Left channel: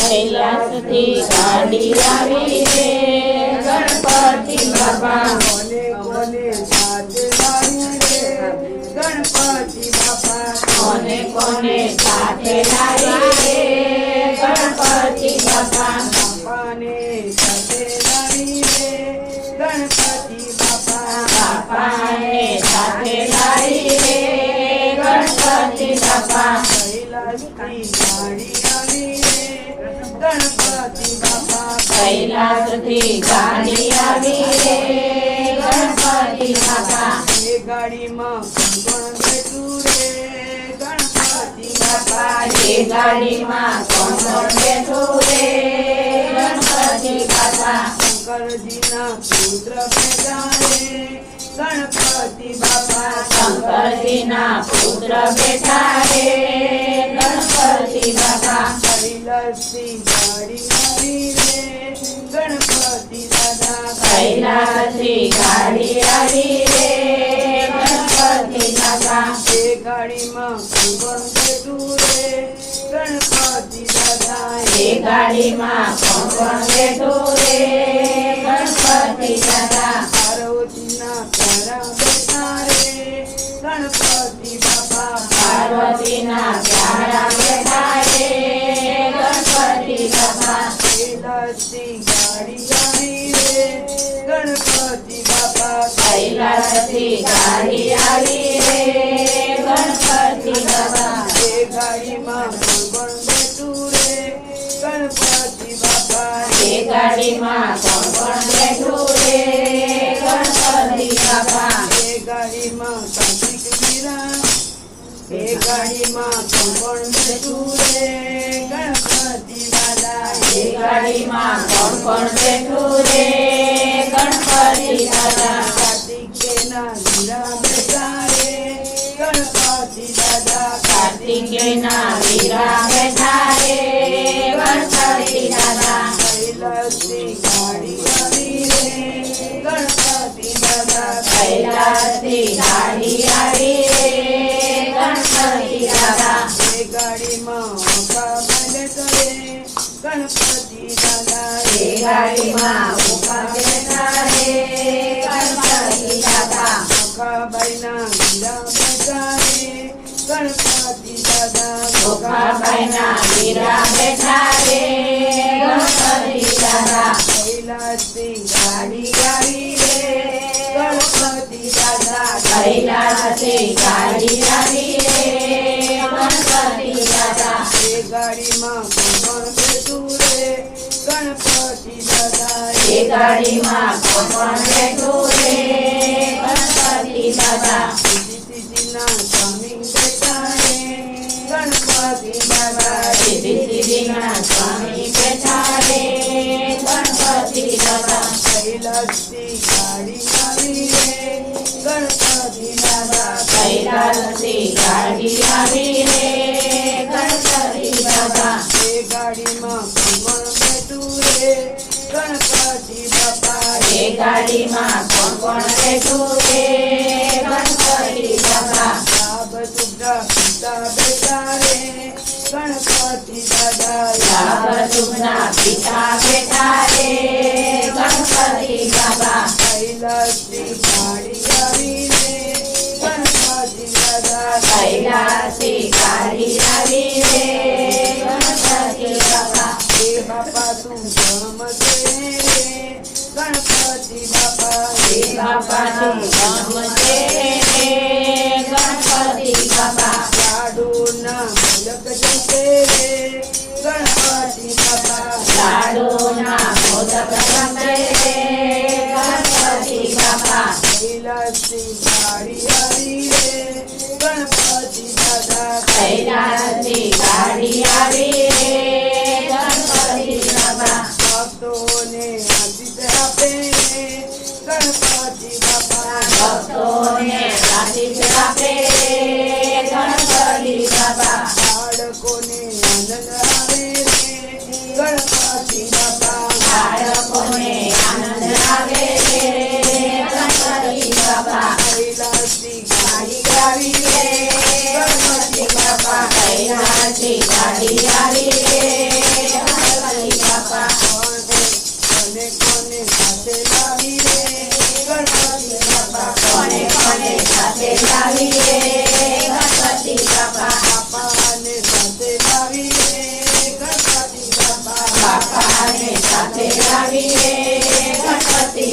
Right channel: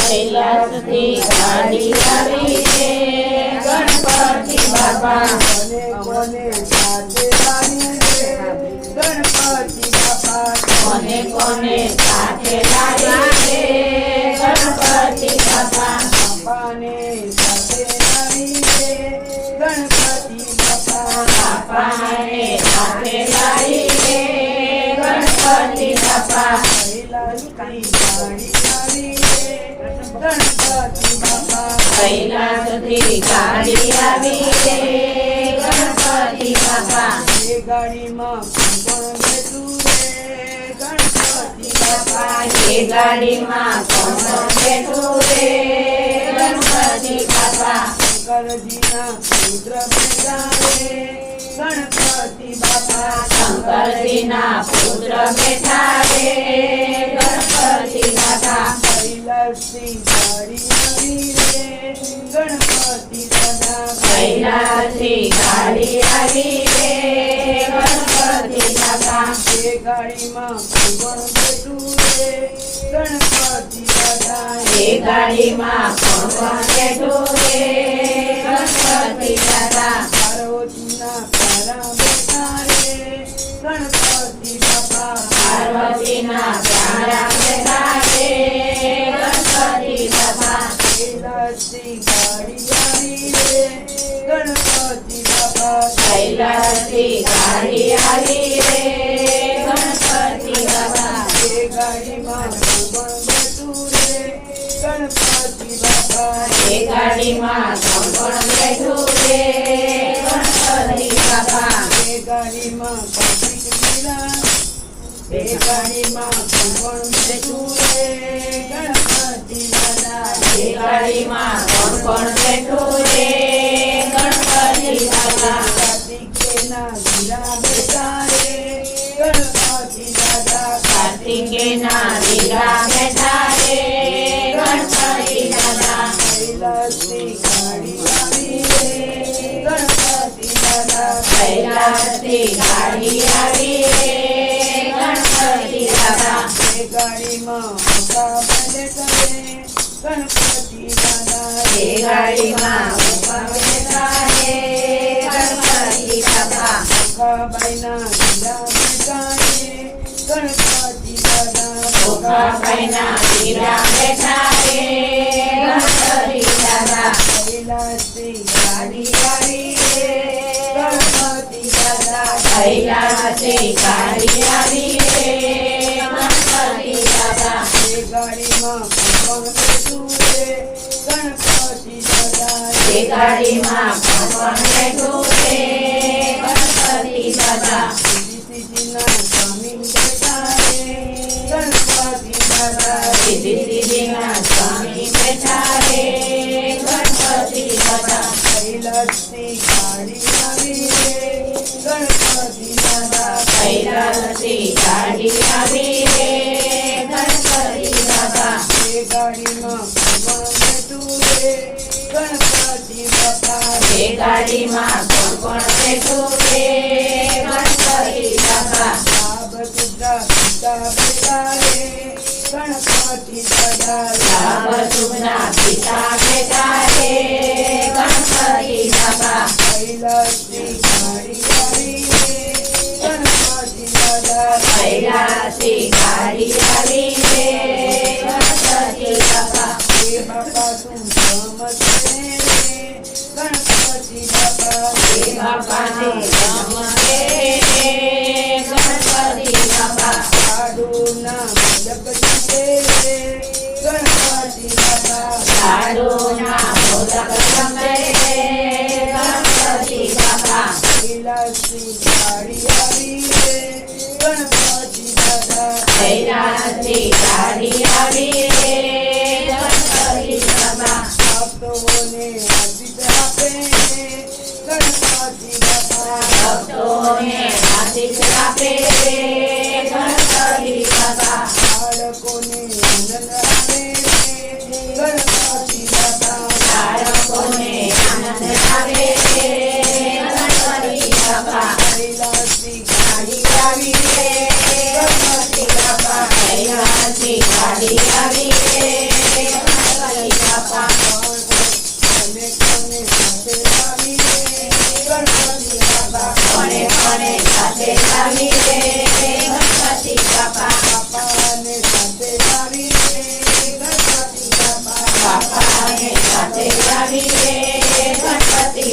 कैलासती गणपति बाबा कोने कोने साथ लाई रे गणपति बाबा कोने कोने रे गणपति बाबा કૈલાસથી ગાડી આવી રે ગણપતિ બાપા એ ગાડીમાં પણ બેઠું રે, ગણપતિ બાપા એ ગાડીમાં પણ બેઠું રે ગણપતિ બાપા શંકરજીના પુત્ર ભેગા રે ગણપતિ બાપા શંકરજીના પુત્ર બેઠા રે ગણપતિ બાપા કૈલાસથી ગાડી આવી કૈલાસથી ગાડી આવી રે ગણપતિ એ ગાડીમાં કોણ બેઠું રે ગણપતિ દાદા એ ગાડીમાં કોણ કોણ ગણપતિ દાદા कैलासी गाड़ी आई रे, गणपति बाबा. के गाड़ी माँ बटूरे गणपति बाबा गणपति बाबा. के गाड़ी माँ कंबिक मिला के गणपति दादा गणपति गाड़ी गणपति दादा कैलासी गाड़ी आड़ी गणपति दादा गाड़ी माँ भज करे गणपति दादा गाड़ी माँ बैना बैठा रे આવી ગણપતિ દાદા એ ગાડીમાં કોણ બેઠું રે ગણપતિ દાદા એ ગાડીમાં કોણ બેઠું રે ગણપતિ દાદા સીધીના સ્વામી બેઠા રે ગણપતિ દાદા સીધી સ્વામી બેઠા રે ગણપતિ દાદા કૈલાસથી આવી કૈલાસથી ગાડી આવી રે ગણપતિ દાદા એ ગાડીમાં કોણ બેઠું રે ગણપતિ બાપા એ ગાડીમાં કોણ કોણ બેઠું રે ગણપતિ બાપા લાભ સુધા પિતા બેટા રે ગણપતિ દાદા લાભ સુખના પિતા બેઠા રે बापा तुझं मते गणपती बापा हे बापा तुझं मते गणपती बापा लाडून मुलक गणपती बापा लाडून मोदक गणपती बापा विलासी गाडी आली गणपती बाबा कैलासी गाडी आली ભક્તોને આશીષ આપે ગણપતિ બાપા ભક્તોને આશીષ આપે ગણપતિ બાપા બાળકોને આનંદ આવે ગણપતિ બાપા બાળકોને આનંદ આવે ગણપતિ બાપા કૈલાસથી ગાડી આવી રે ગણપતિ બાપા કૈલાસથી ગાડી આવી રે સાથે લાવી રે ગણપતિ